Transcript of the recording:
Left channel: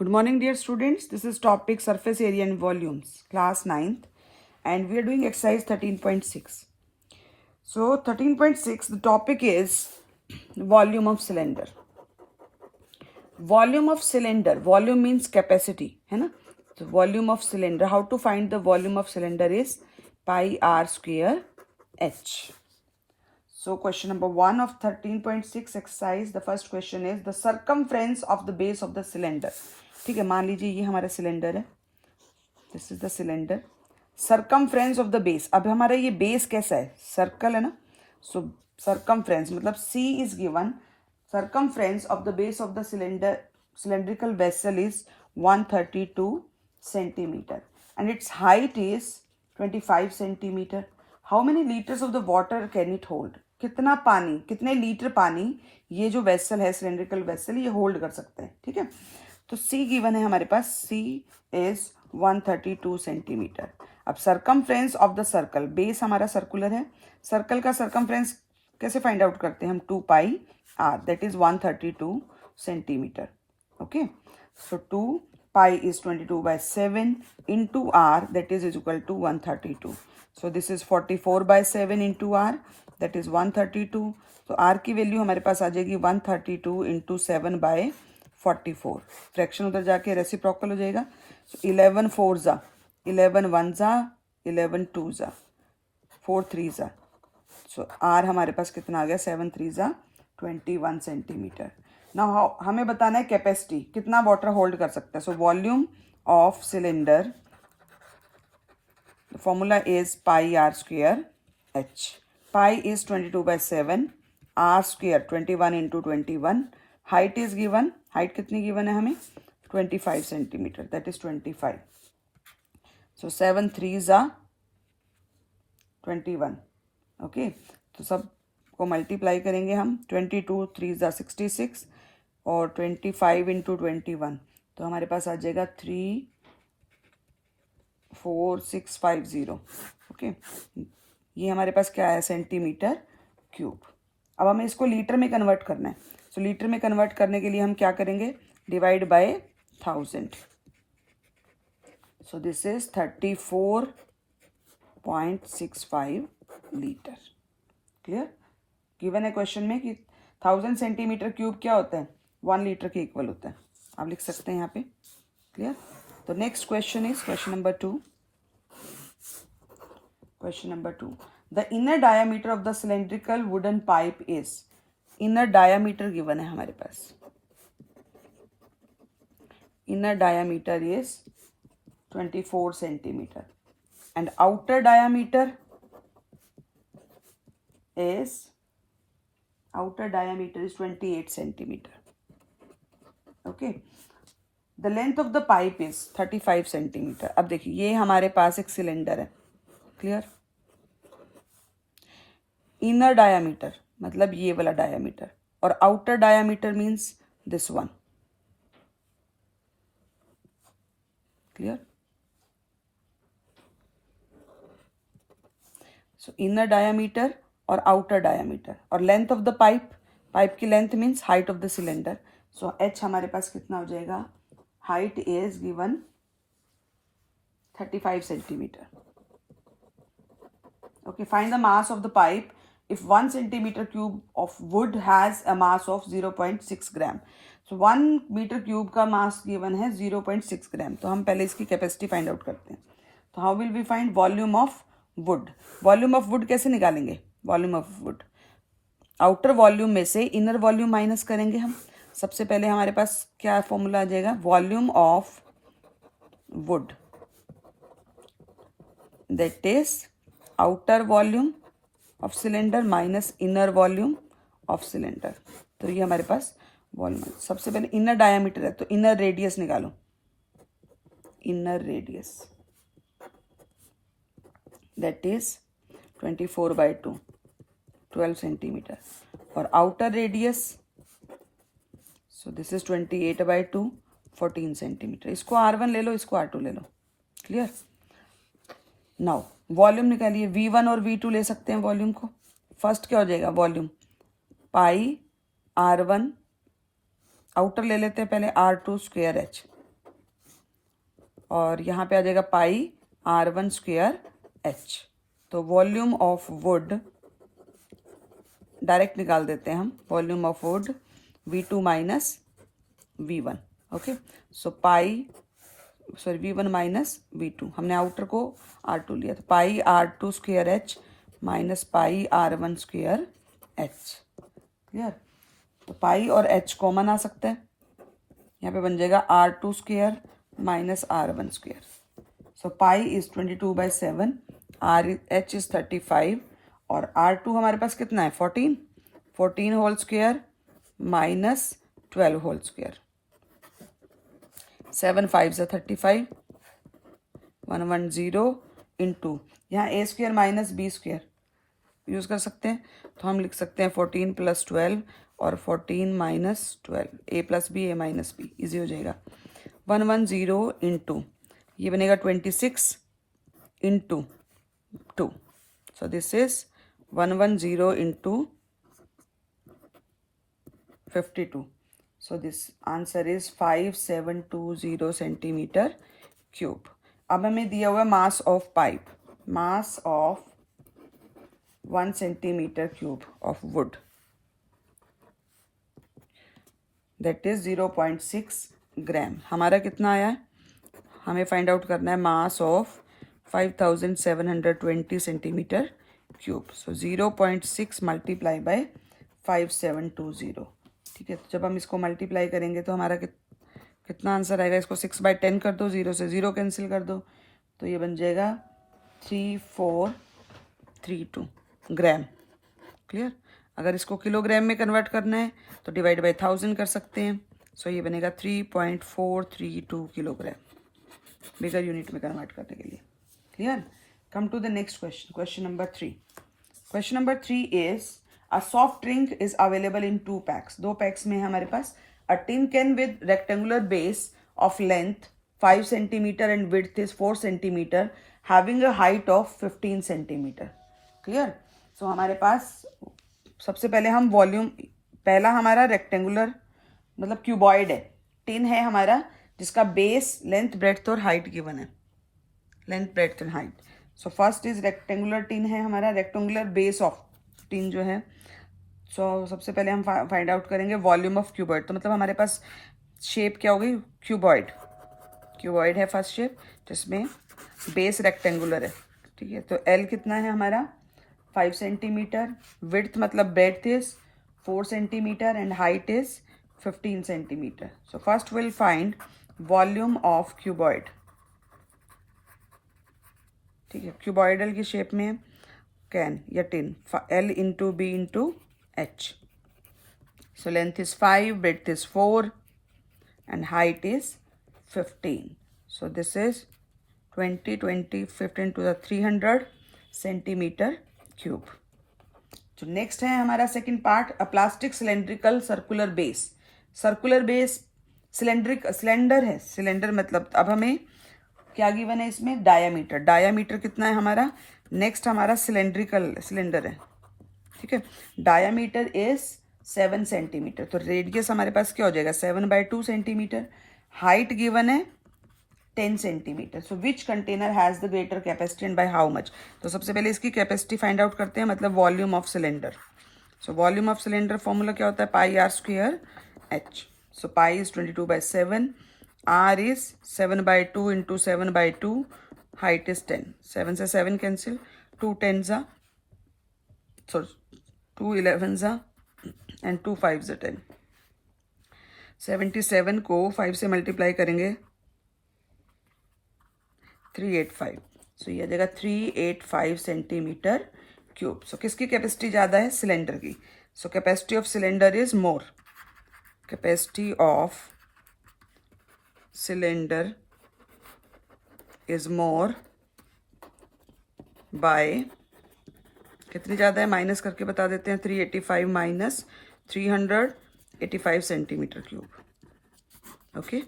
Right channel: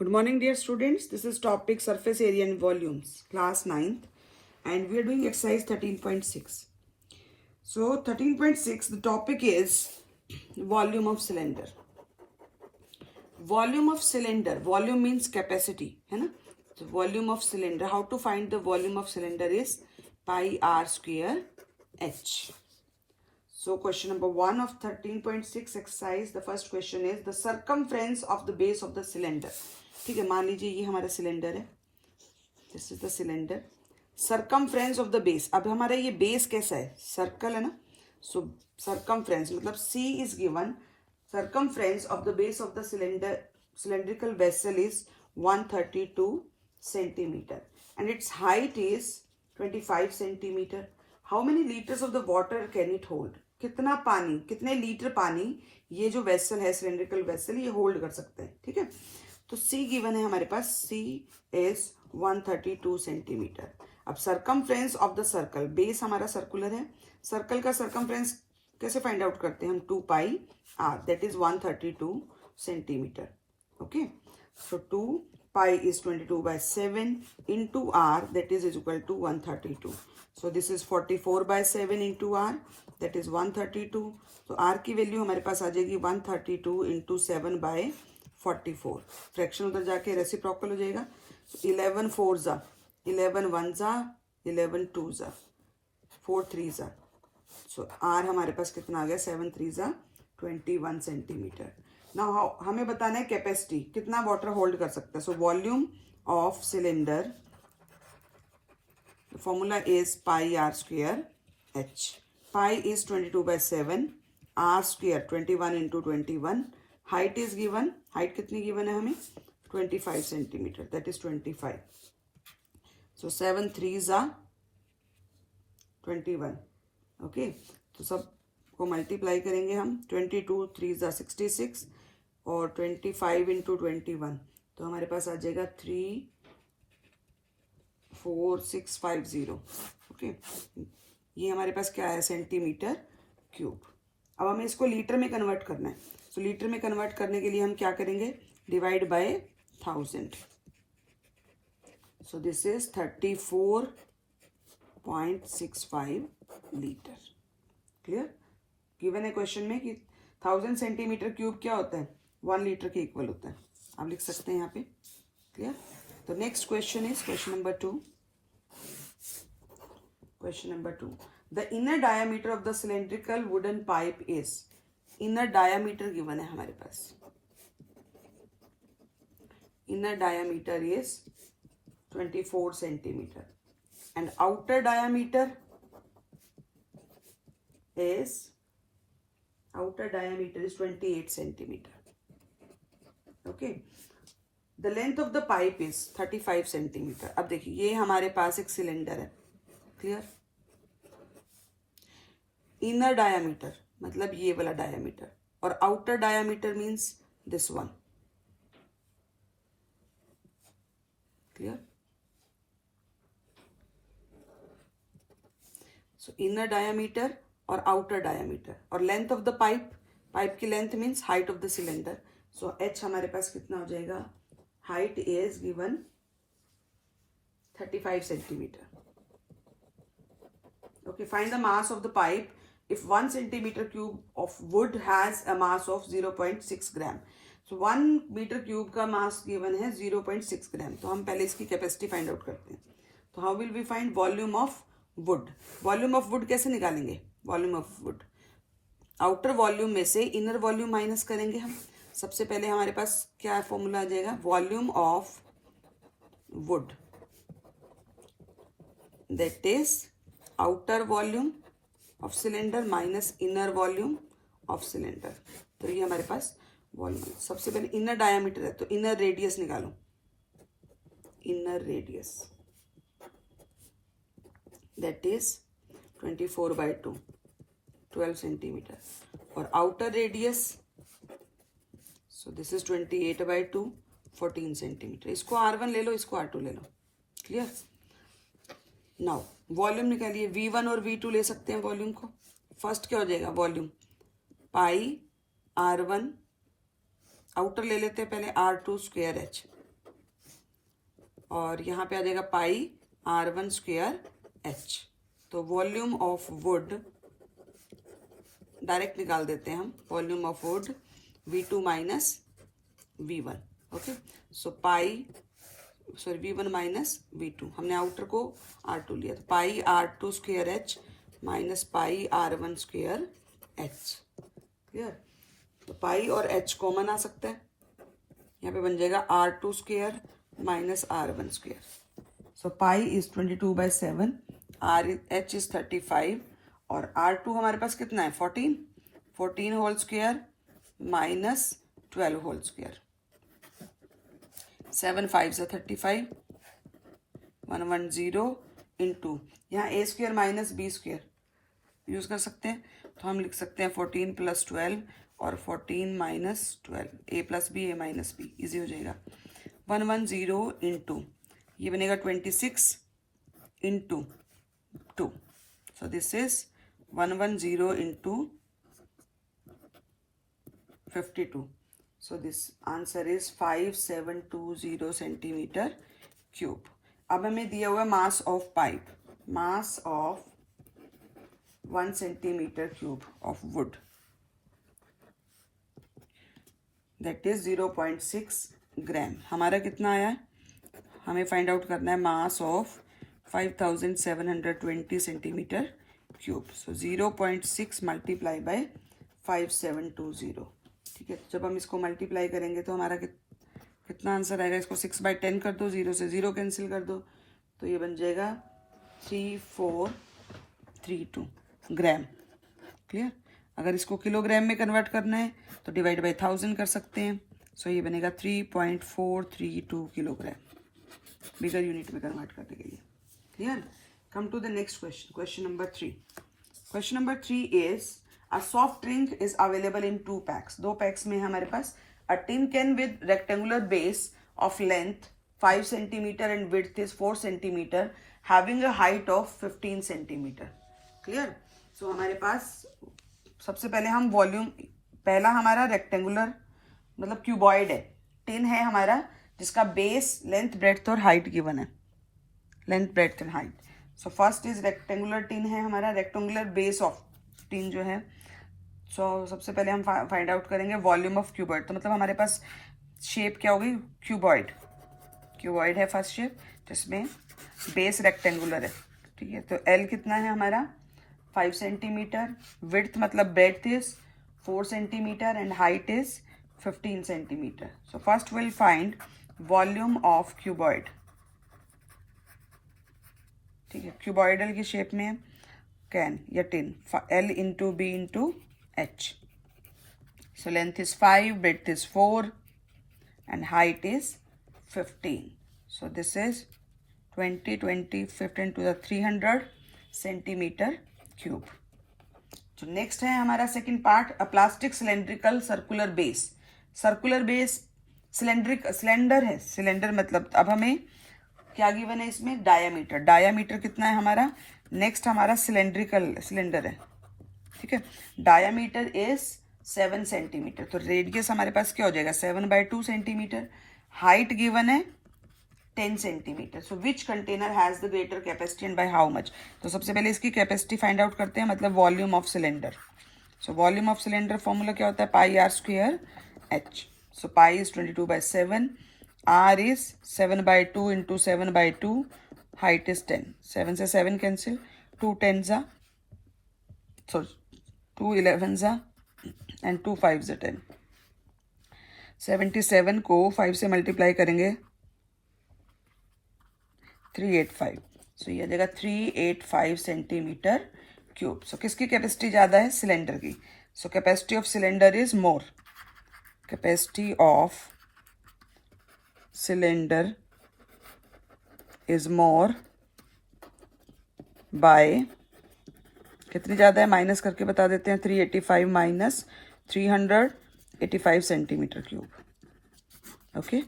Good morning, dear students. This is topic surface area and volumes, class 9th, and we are doing exercise 13.6. So 13.6, the topic is volume of cylinder. Volume of cylinder, volume means capacity, है ना? So volume of cylinder, how to find the volume of cylinder is pi r square h. So question number 1 of 13.6 exercise, the first question is the circumference of the base of the cylinder. ठीक है, मान लीजिए ये हमारा cylinder है, this is the cylinder. Circumference of the base, अब हमारा ये बेस कैसा है, सर्कल है ना. सो सर्कमफ्रेंस मतलब C is given, circumference of the base of the cylinder cylindrical vessel is 132 centimeter and its height is 25 centimeter. How many liters of the water can it hold? कितना पानी, कितने litre पानी ये जो vessel है, cylindrical vessel, ये hold कर सकता है. ठीक है, तो C गिवन है हमारे पास, C इज 132 सेंटीमीटर. अब circumference of the circle, base हमारा सर्कुलर है, सर्कल का सर्कमफ्रेंस कैसे फाइंड आउट करते हैं हम, 2 pi r, that is 132 centimetre. Okay, so 2 pi is 22/7 into r, that is equal to 132. So this is 44/7 into r, that is 132. तो r की value हमारे पास आ जाएगी 132 into 7/44. फ्रैक्शन उधर जाके रेसिप्रोकल हो जाएगा. 11 4 जा, 11 1 जा, 11 2 जा, 4 3 जा. सो r हमारे पास कितना आ गया, 7 3 जा 21 सेंटीमीटर. नाउ हमें बताना है कैपेसिटी, कितना वाटर होल्ड कर सकता है. सो volume of cylinder, the formula is pi r square h. Pi is 22/7, r square 21 into 21. Height is given, height कितनी given है हमें, 25 centimeter, that is 25. So 7 3s are 21. Okay, तो सब को मल्टीप्लाई करेंगे हम, 22 3s are 66 और 25 into 21, तो हमारे पास आ जाएगा 34650. ओके, ये हमारे पास क्या है, सेंटीमीटर क्यूब. अब हमें इसको लीटर में कन्वर्ट करना है. सो लीटर में कन्वर्ट करने के लिए हम क्या करेंगे, divide by 1000. So this is 34.65 litre. Clear, given है क्वेश्चन में कि 1000 सेंटीमीटर क्यूब क्या होता है, 1 लीटर के इक्वल होता है. आप लिख सकते हैं यहाँ पे. क्लियर, तो next question is question number 2. Question number 2, the inner diameter of the cylindrical wooden pipe is, inner diameter given है हमारे पास, inner diameter is 24 centimetre and outer diameter is 28 centimeter. Okay, the length of the pipe is 35 centimeter. अब देखिए ये हमारे पास एक cylinder है. Clear, inner diameter मतलब ये वाला डायामीटर, और outer diameter means this one. Clear, so inner diameter और आउटर डायामीटर, और length of the pipe, pipe की length means height of the cylinder. So h हमारे पास कितना हो जाएगा, height is given 35 centimetre. Okay, find the mass of the pipe if 1 centimeter cube of wood has a mass of 0.6 gram. So 1 meter cube का mass given है 0.6 ग्राम. तो हम पहले इसकी कैपेसिटी फाइंड आउट करते हैं. तो how will we find volume of wood. Volume of wood कैसे निकालेंगे, volume of wood outer volume में से इनर वॉल्यूम माइनस करेंगे हम. सबसे पहले हमारे पास क्या फॉर्मूला आ जाएगा, volume of would that is outer volume of cylinder minus inner volume of cylinder. तो ये हमारे पास वॉल्यूम. सबसे पहले इनर डायामीटर है तो इनर रेडियस निकालो, inner radius that is 24/2, 12 centimetre, और outer radius, so this is 28/2, 14 centimetre. इसको R1 ले लो, इसको R2 ले लो. क्लियर, नाउ वॉल्यूम निकालिए. V1 और V2 ले सकते हैं वॉल्यूम को. फर्स्ट क्या हो जाएगा, वॉल्यूम पाई R1, आउटर ले लेते हैं पहले, R2 स्क्वायर H. और यहाँ पे आ जाएगा पाई R1 स्क्वायर एच। तो वॉल्यूम ऑफ वुड डायरेक्ट निकाल देते हैं हम, volume of would V2 minus V1। Okay, so pi V1 minus V2, हमने आउटर को R2 लिया, तो पाई R2 square H minus pi R1 square H. Clear? तो पाई और एच कॉमन आ सकता है, यहाँ पे बन जाएगा R2 square minus R1 square. So pi is 22/7, H is 35 और R2 हमारे पास कितना है 14 whole square minus 12 whole square. 7 5 35, 110 into, यहाँ ए square minus B square use कर सकते हैं, तो हम लिख सकते हैं 14 + 12 और 14 - 12, ए प्लस बी ए माइनस बी, ईजी हो जाएगा। 110 इंटू, ये बनेगा 26 into 2, so this is 110 into 52, so this answer is 5720 centimetre cube. अब हमें दिया हुआ mass of pipe, mass of 1 centimetre cube of would, that is 0.6 ग्राम। हमारा कितना आया, हमें फाइंड आउट करना है mass of 5720 centimetre cube. So 0.6 multiply by 5720। ठीक है, तो जब हम इसको मल्टीप्लाई करेंगे तो हमारा कितना आंसर आएगा, इसको 6/10 कर दो, 0 से 0 कैंसिल कर दो, तो ये बन जाएगा 3432 ग्राम। क्लियर? अगर इसको किलोग्राम में कन्वर्ट करना है तो डिवाइड बाय 1000 कर सकते हैं, सो ये बनेगा 3.432 किलोग्राम, बिगर यूनिट में कन्वर्ट करने के लिए। Clear? Come to the next question, question number 3। Question number 3 is A soft drink is available in 2 packs. 2 packs में है हमारे पास। A tin can with rectangular base of length 5 centimeter and width is 4 centimeter, having a height of 15 centimeter. Clear? So हमारे पास सबसे पहले हम volume, पहला हमारा rectangular मतलब क्यूबॉइड है, टिन है हमारा, जिसका बेस लेंथ ब्रेड्थ और हाइट गिवन है, length breadth and height. So first is rectangular tin है हमारा, रेक्टेंगुलर बेस ऑफ टिन जो है। सो सबसे पहले हम फाइंड आउट करेंगे वॉल्यूम ऑफ क्यूबॉइड, तो मतलब हमारे पास शेप क्या होगी, क्यूबॉइड। क्यूबॉइड है फर्स्ट शेप, जिसमें बेस रेक्टेंगुलर है। ठीक है, तो एल कितना है हमारा 5 सेंटीमीटर, विड्थ मतलब breadth is 4 centimetre and height is 15 centimetre. So first will find volume of cuboid. ठीक है, क्यूबॉइडल की शेप में कैन या tin, L into B into H. So length is 5, width is 4 and height is 15. So this is 20, 20, 15 to the 300 centimeter cube. So next है हमारा second part, a plastic cylindrical circular base. Circular base cylinder है, cylinder मतलब अब हमें क्या given है इसमें, diameter. Diameter कितना है हमारा, नेक्स्ट हमारा सिलेंड्रिकल सिलेंडर है। ठीक है, डायामीटर इज 7 सेंटीमीटर, तो रेडियस हमारे पास क्या हो जाएगा 7/2 सेंटीमीटर। हाइट गिवन है 10 centimetre. So which container has the greater capacity and by how much. तो सबसे पहले इसकी कैपेसिटी फाइंड आउट करते हैं, मतलब volume of cylinder. So volume of cylinder formula क्या होता है, pi r square h. So pi is 22/7, r is 7/2 into 7/2, height is 10, 7 से 7 cancel, 2 10s are, so 2 11s are and 2 5s are 10। 77 को 5 से multiply करेंगे 385, सो ये आ जाएगा 385 सेंटीमीटर क्यूब। सो किसकी कैपेसिटी ज़्यादा है, सिलेंडर की। So capacity of cylinder is more, capacity of cylinder is more by, कितनी ज़्यादा है माइनस करके बता देते हैं, 385 - 385 सेंटीमीटर क्यूब। ओके।